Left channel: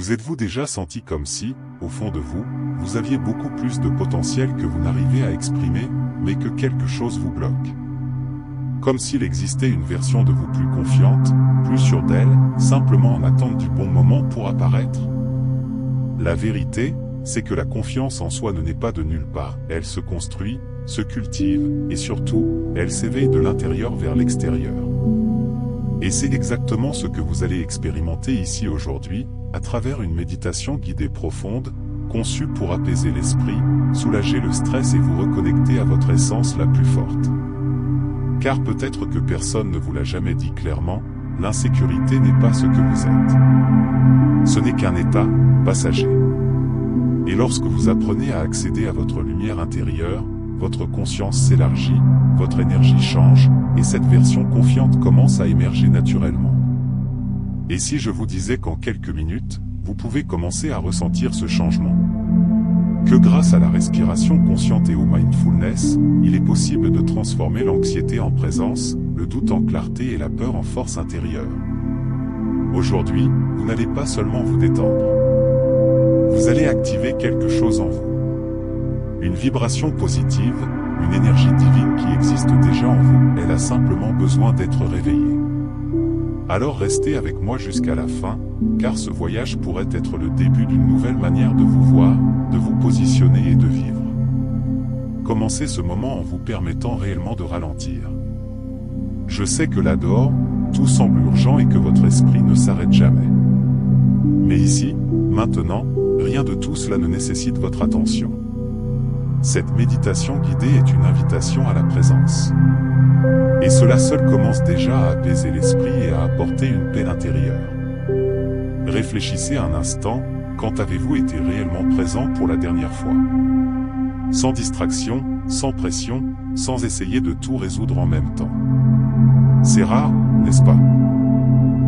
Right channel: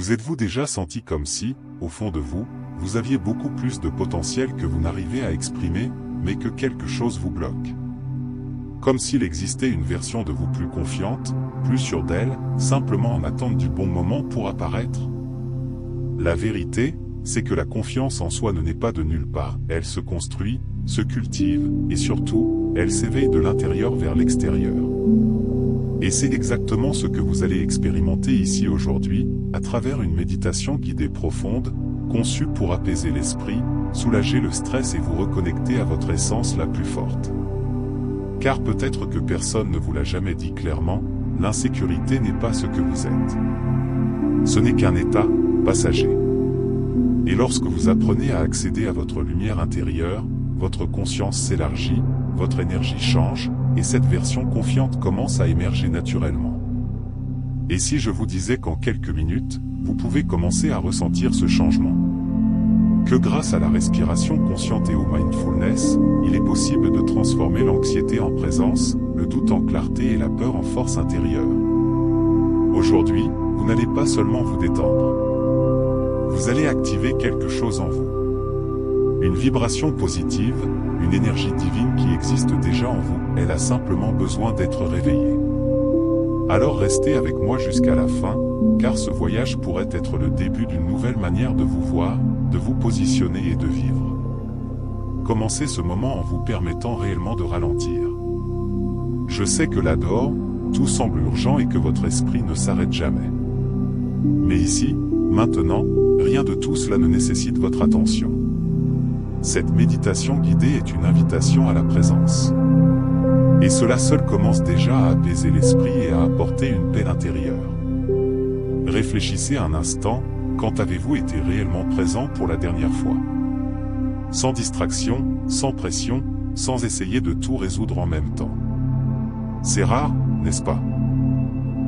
Vous êtes-vous déjà senti comme si, au fond de vous, vous aviez beaucoup plus de potentiel que vous n'arrivez à exprimer, mais que quelque chose vous bloque? Comme s'il existait une version de vous plus confiante, plus sûre d'elle, simplement en attente du bon moment pour apparaître? La vérité, c'est que la confiance en soi ne naît pas de nulle part, elle se construit, se cultive, et surtout, elle s'éveille de l'intérieur vers l'extérieur. Et c'est exactement ce que vous allez expérimenter ici aujourd'hui, à travers une méditation guidée profonde, conçue pour apaiser l'esprit, soulager le stress et vous reconnecter à votre essence la plus forte. Car peut-être que personne ne vous l'a jamais dit clairement, l'insécurité n'est pas ce que vous êtes. Ce n'est qu'un état passager. Et lorsque vous apprenez à accéder à votre lumière intérieure, votre conscience s'élargit, votre énergie change, et cette version confiante commence à émerger naturellement. Et si je vous disais qu'en quelques minutes, vous pouvez commencer à ressentir ce changement? Que grâce à la respiration consciente et au mindfulness, il est possible de transformer l'anxiété en présence, le doute en clarté et la peur en force intérieure. Aujourd'hui, vous n'allez pas seulement vous détendre. Vous allez activer quelque chose en vous. Une vibration positive, une énergie divine qui existe déjà en vous, elle a simplement besoin d'être réveillée. Alors restez avec moi jusqu'à la fin, car ce voyage pourrait être le début d'une nouvelle manière de vous voir, de vous positionner et de vivre. Commencez ce moment en vous permettant réellement de ralentir. Je sais que là dehors, tout semble urgent et que votre esprit ne s'arrête jamais. Mais ici, maintenant, rien de tout cela ne nécessite votre attention. Cette méditation guidée est une invitation à la présence. Et cela seul commence déjà à apaiser l'esprit et à apporter une paix intérieure. Réfléchissez un instant, quand avez-vous été réellement présent pour la dernière fois? Sans distraction, sans pression, sans essayer de tout résoudre en même temps. C'est rare, n'est-ce pas?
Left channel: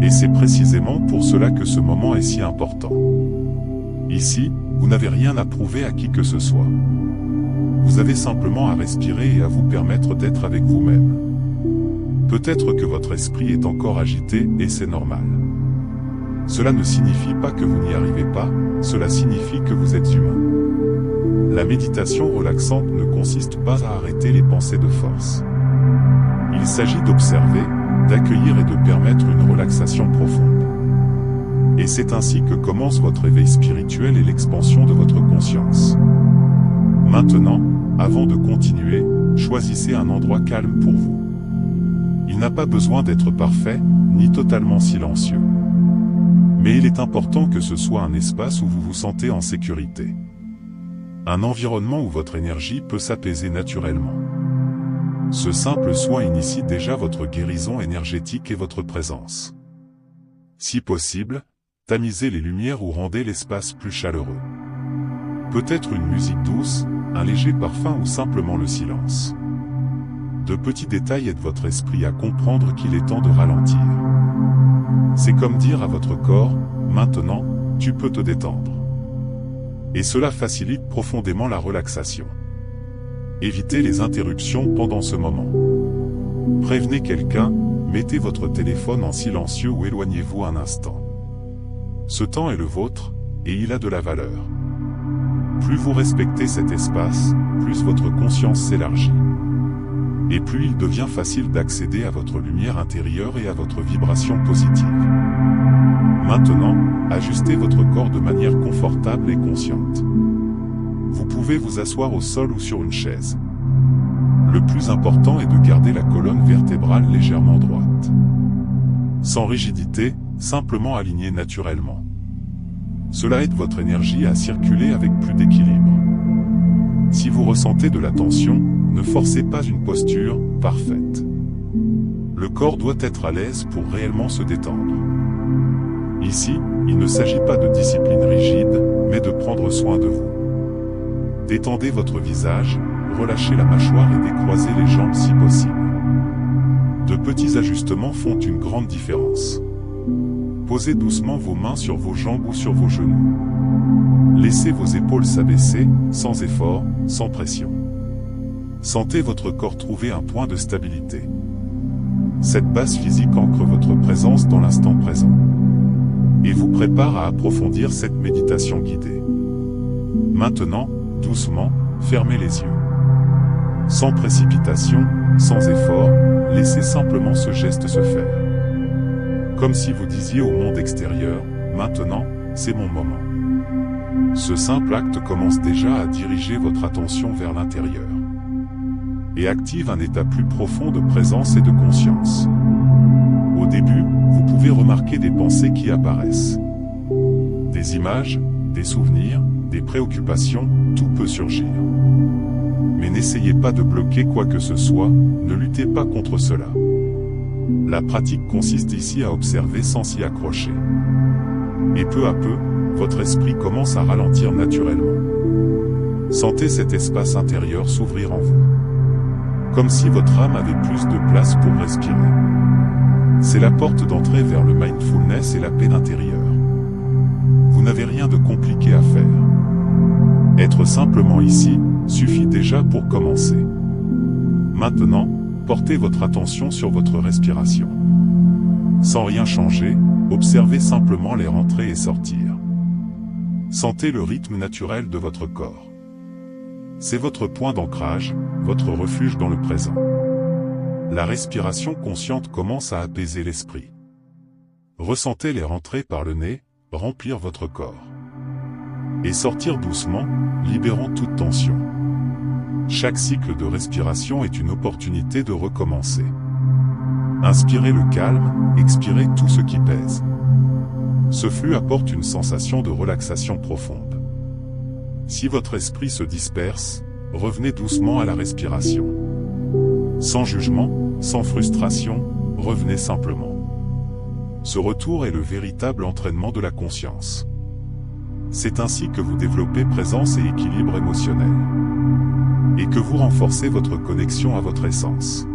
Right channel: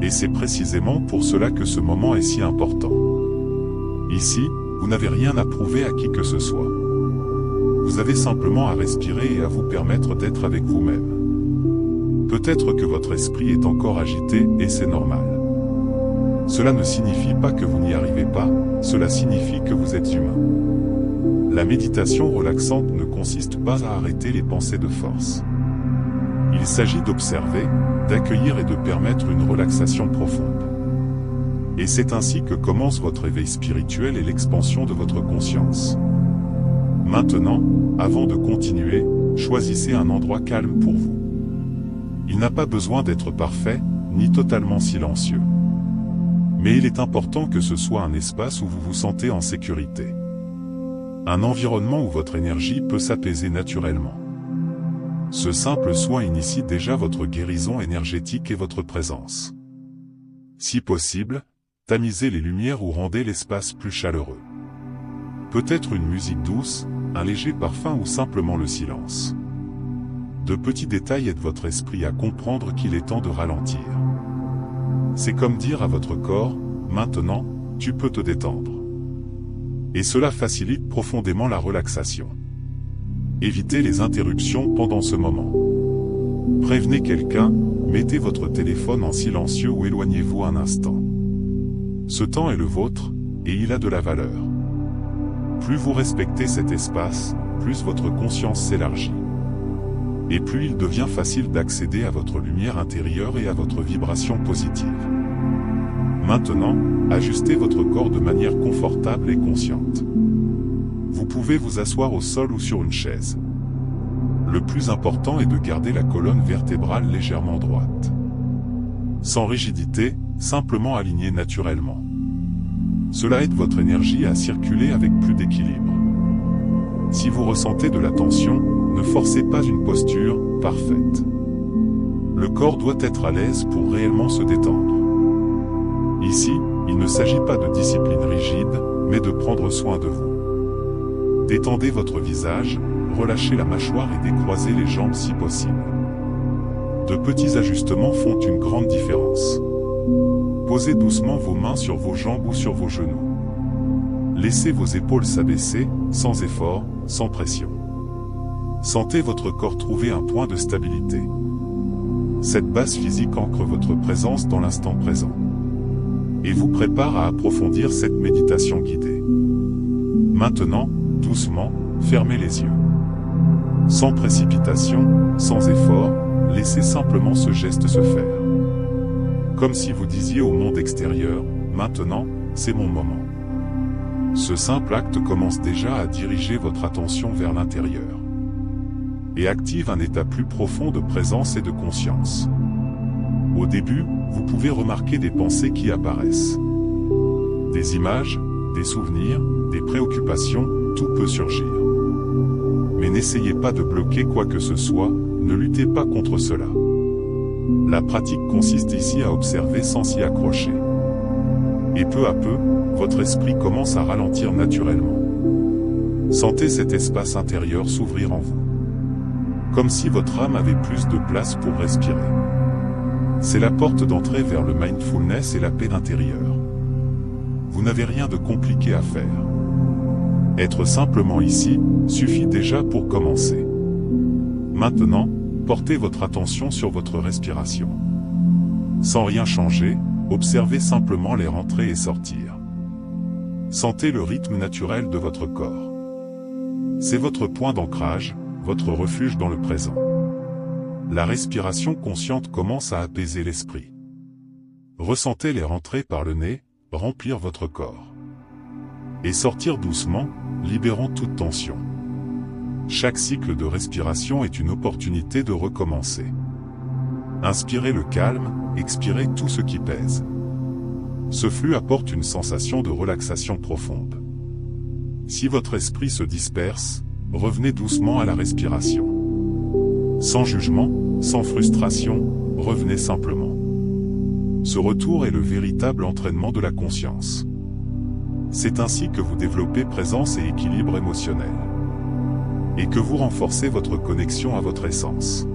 Et c'est précisément pour cela que ce moment est si important. Ici, vous n'avez rien à prouver à qui que ce soit. Vous avez simplement à respirer et à vous permettre d'être avec vous-même. Peut-être que votre esprit est encore agité, et c'est normal. Cela ne signifie pas que vous n'y arrivez pas, cela signifie que vous êtes humain. La méditation relaxante ne consiste pas à arrêter les pensées de force. Il s'agit d'observer, d'accueillir et de permettre une relaxation profonde. Et c'est ainsi que commence votre éveil spirituel et l'expansion de votre conscience. Maintenant, avant de continuer, choisissez un endroit calme pour vous. Il n'a pas besoin d'être parfait, ni totalement silencieux. Mais il est important que ce soit un espace où vous vous sentez en sécurité. Un environnement où votre énergie peut s'apaiser naturellement. Ce simple soin initie déjà votre guérison énergétique et votre présence. Si possible, tamisez les lumières ou rendez l'espace plus chaleureux. Peut-être une musique douce, un léger parfum ou simplement le silence. De petits détails aident votre esprit à comprendre qu'il est temps de ralentir. C'est comme dire à votre corps, maintenant, tu peux te détendre. Et cela facilite profondément la relaxation. Évitez les interruptions pendant ce moment. Prévenez quelqu'un, mettez votre téléphone en silencieux ou éloignez-vous un instant. Ce temps est le vôtre, et il a de la valeur. Plus vous respectez cet espace, plus votre conscience s'élargit. Et plus il devient facile d'accéder à votre lumière intérieure et à votre vibration positive. Maintenant, ajustez votre corps de manière confortable et consciente. Vous pouvez vous asseoir au sol ou sur une chaise. Le plus important est de garder la colonne vertébrale légèrement droite. Sans rigidité, simplement alignée naturellement. Cela aide votre énergie à circuler avec plus d'équilibre. Si vous ressentez de la tension, ne forcez pas une posture parfaite. Le corps doit être à l'aise pour réellement se détendre. Ici, il ne s'agit pas de discipline rigide, mais de prendre soin de vous. Détendez votre visage, relâchez la mâchoire et décroisez les jambes si possible. De petits ajustements font une grande différence. Posez doucement vos mains sur vos jambes ou sur vos genoux. Laissez vos épaules s'abaisser, sans effort, sans pression. Sentez votre corps trouver un point de stabilité. Cette base physique ancre votre présence dans l'instant présent. et vous prépare à approfondir cette méditation guidée. Maintenant, doucement, fermez les yeux. Sans précipitation, sans effort, laissez simplement ce geste se faire. Comme si vous disiez au monde extérieur, maintenant, c'est mon moment. Ce simple acte commence déjà à diriger votre attention vers l'intérieur et active un état plus profond de présence et de conscience. Au début, vous pouvez remarquer des pensées qui apparaissent. Des images, des souvenirs, des préoccupations, tout peut surgir. Mais n'essayez pas de bloquer quoi que ce soit, ne luttez pas contre cela. La pratique consiste ici à observer sans s'y accrocher. Et peu à peu, votre esprit commence à ralentir naturellement. Sentez cet espace intérieur s'ouvrir en vous. Comme si votre âme avait plus de place pour respirer. C'est la porte d'entrée vers le mindfulness et la paix intérieure. Vous n'avez rien de compliqué à faire. Être simplement ici, suffit déjà pour commencer. Maintenant, portez votre attention sur votre respiration. Sans rien changer, observez simplement les rentrer et sortir. Sentez le rythme naturel de votre corps. C'est votre point d'ancrage, votre refuge dans le présent. La respiration consciente commence à apaiser l'esprit. Ressentez les rentrées par le nez, remplir votre corps. Et sortir doucement, libérant toute tension. Chaque cycle de respiration est une opportunité de recommencer. Inspirez le calme, expirez tout ce qui pèse. Ce flux apporte une sensation de relaxation profonde. Si votre esprit se disperse, revenez doucement à la respiration. Sans jugement, sans frustration, revenez simplement. Ce retour est le véritable entraînement de la conscience. C'est ainsi que vous développez présence et équilibre émotionnel. Et que vous renforcez votre connexion à votre essence.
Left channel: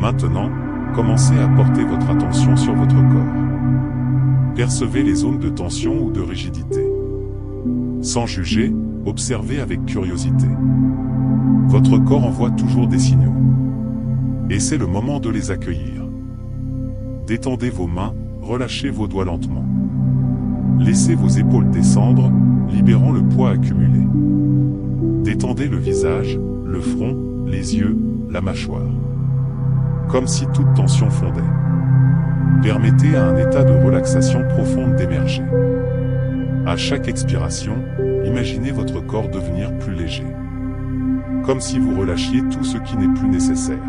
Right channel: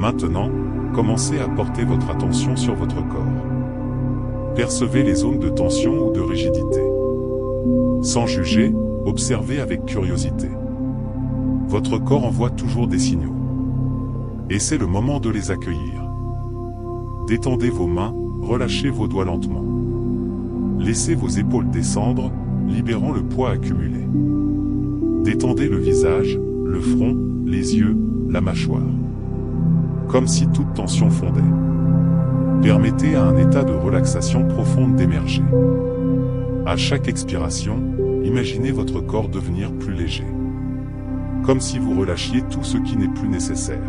Maintenant, commencez à porter votre attention sur votre corps. Percevez les zones de tension ou de rigidité. Sans juger, observez avec curiosité. Votre corps envoie toujours des signaux. Et c'est le moment de les accueillir. Détendez vos mains, relâchez vos doigts lentement. Laissez vos épaules descendre, libérant le poids accumulé. Détendez le visage, le front, les yeux, la mâchoire. Comme si toute tension fondait. Permettez à un état de relaxation profonde d'émerger. À chaque expiration, imaginez votre corps devenir plus léger. Comme si vous relâchiez tout ce qui n'est plus nécessaire.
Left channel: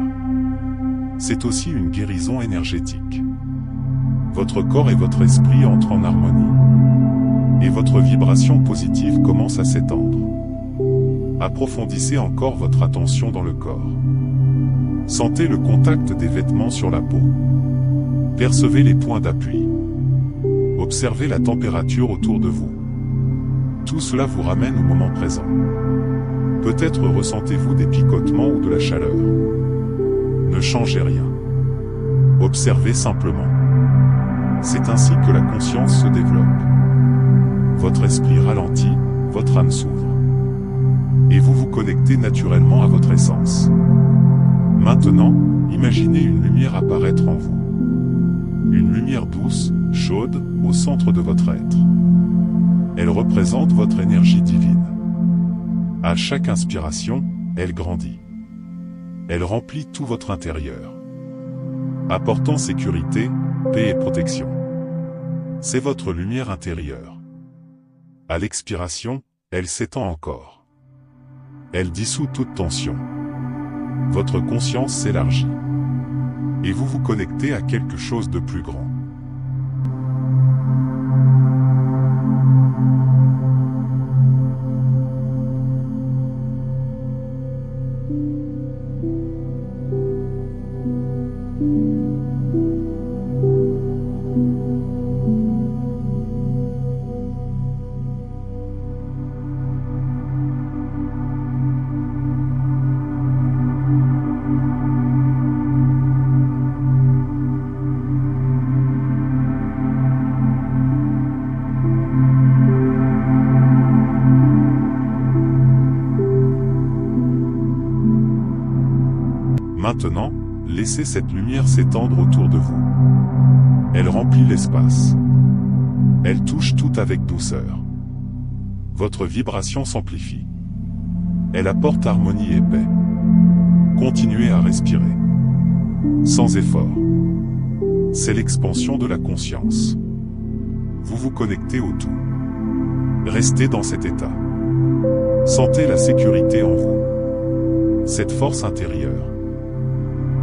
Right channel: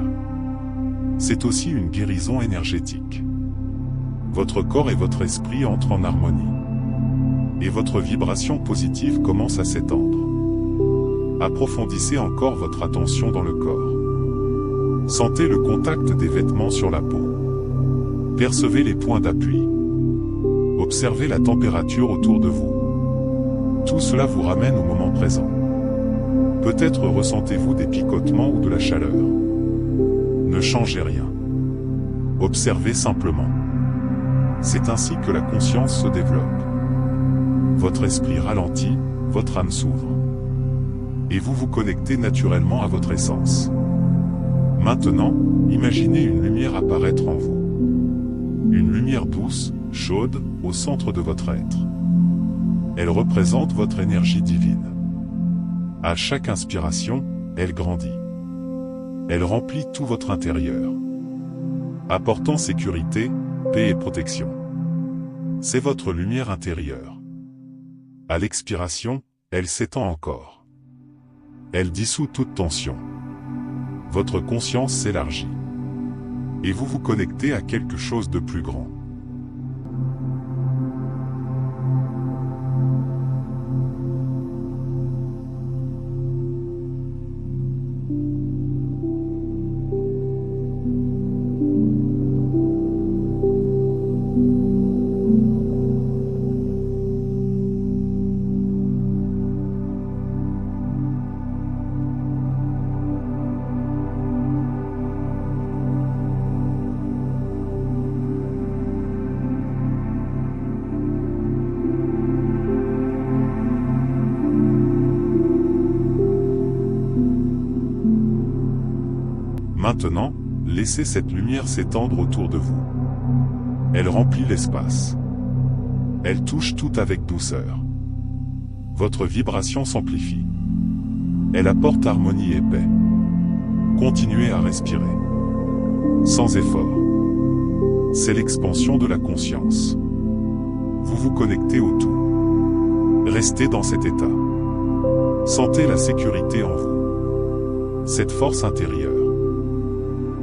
C'est aussi une guérison énergétique. Votre corps et votre esprit entrent en harmonie. Et votre vibration positive commence à s'étendre. Approfondissez encore votre attention dans le corps. Sentez le contact des vêtements sur la peau. Percevez les points d'appui. Observez la température autour de vous. Tout cela vous ramène au moment présent. Peut-être ressentez-vous des picotements ou de la chaleur. Ne changez rien. Observez simplement. C'est ainsi que la conscience se développe. Votre esprit ralentit, votre âme s'ouvre. Et vous vous connectez naturellement à votre essence. Maintenant, imaginez une lumière apparaître en vous. Une lumière douce, chaude, au centre de votre être. Elle représente votre énergie divine. À chaque inspiration, elle grandit. Elle remplit tout votre intérieur, apportant sécurité, paix et protection. C'est votre lumière intérieure. À l'expiration, elle s'étend encore. Elle dissout toute tension. Votre conscience s'élargit. Et vous vous connectez à quelque chose de plus grand. Maintenant, laissez cette lumière s'étendre autour de vous. Elle remplit l'espace. Elle touche tout avec douceur. Votre vibration s'amplifie. Elle apporte harmonie et paix. Continuez à respirer. Sans effort. C'est l'expansion de la conscience. Vous vous connectez au tout. Restez dans cet état. Sentez la sécurité en vous. Cette force intérieure.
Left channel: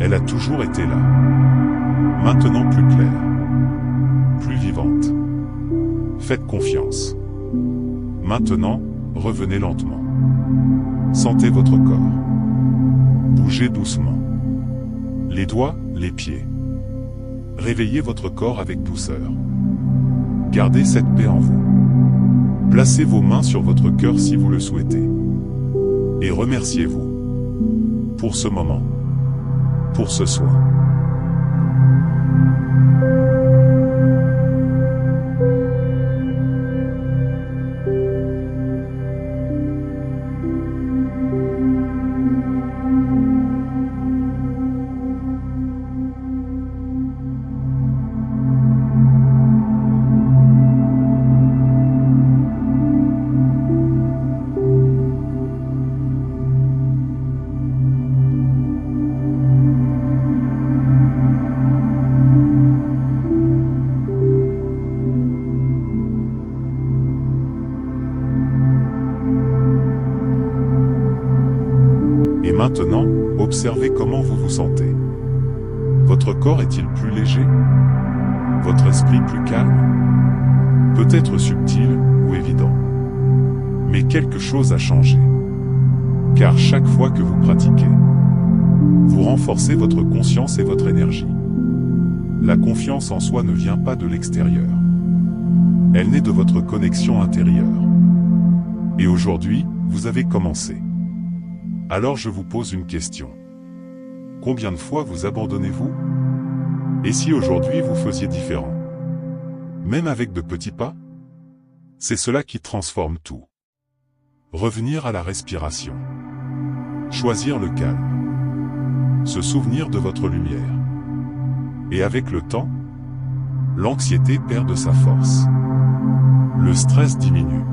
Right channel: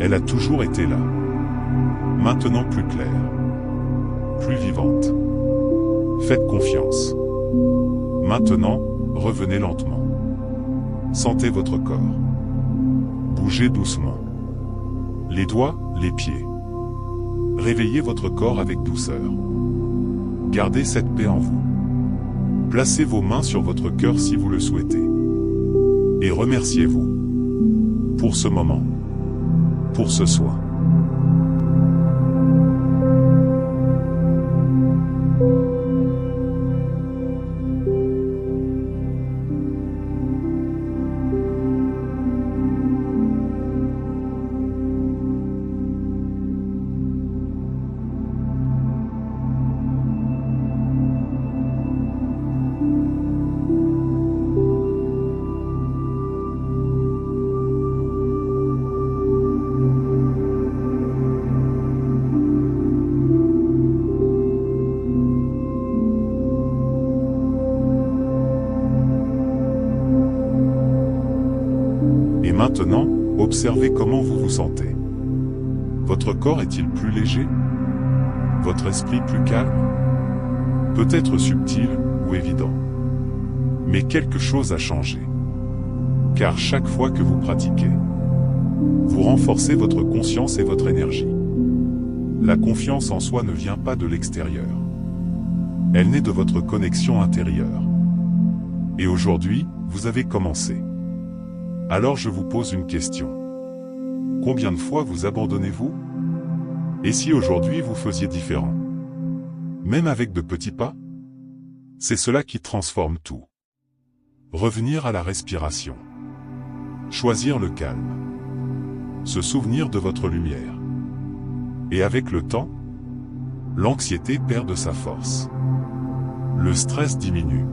Elle a toujours été là. Maintenant plus claire. Plus vivante. Faites confiance. Maintenant, revenez lentement. Sentez votre corps. Bougez doucement. Les doigts, les pieds. Réveillez votre corps avec douceur. Gardez cette paix en vous. Placez vos mains sur votre cœur si vous le souhaitez. Et remerciez-vous. Pour ce moment. Pour ce soin. Et maintenant, observez comment vous vous sentez. Votre corps est-il plus léger? Votre esprit plus calme? Peut-être subtil ou évident. Mais quelque chose a changé. Car chaque fois que vous pratiquez, vous renforcez votre conscience et votre énergie. La confiance en soi ne vient pas de l'extérieur. Elle naît de votre connexion intérieure. Et aujourd'hui, vous avez commencé. Alors je vous pose une question. Combien de fois vous abandonnez-vous? Et si aujourd'hui vous faisiez différent? Même avec de petits pas? C'est cela qui transforme tout. Revenir à la respiration. Choisir le calme. Se souvenir de votre lumière. Et avec le temps, l'anxiété perd de sa force. Le stress diminue.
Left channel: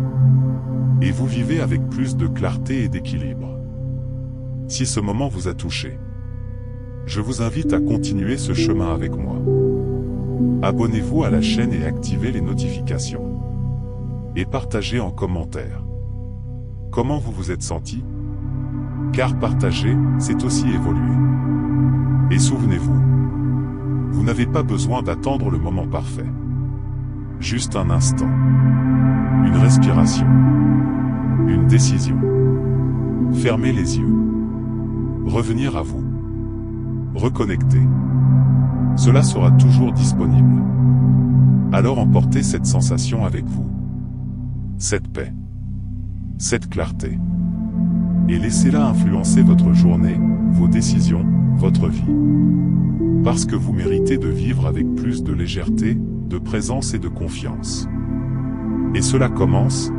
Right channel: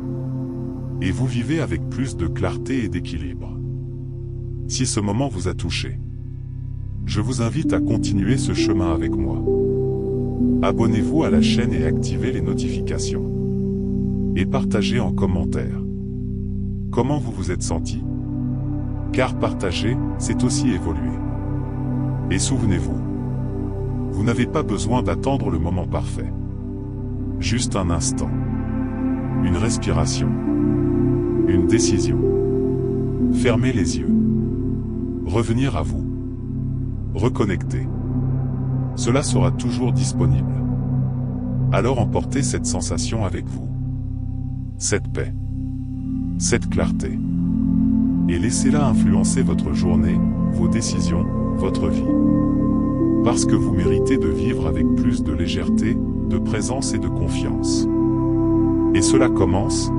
Et vous vivez avec plus de clarté et d'équilibre. Si ce moment vous a touché, je vous invite à continuer ce chemin avec moi. Abonnez-vous à la chaîne et activez les notifications. Et partagez en commentaire. Comment vous vous êtes senti? Car partager, c'est aussi évoluer. Et souvenez-vous, vous n'avez pas besoin d'attendre le moment parfait. Juste un instant. Une respiration. Une décision. Fermez les yeux. Revenir à vous. Reconnecter. Cela sera toujours disponible. Alors emportez cette sensation avec vous. Cette paix. Cette clarté. Et laissez-la influencer votre journée, vos décisions, votre vie. Parce que vous méritez de vivre avec plus de légèreté, de présence et de confiance. Et cela commence,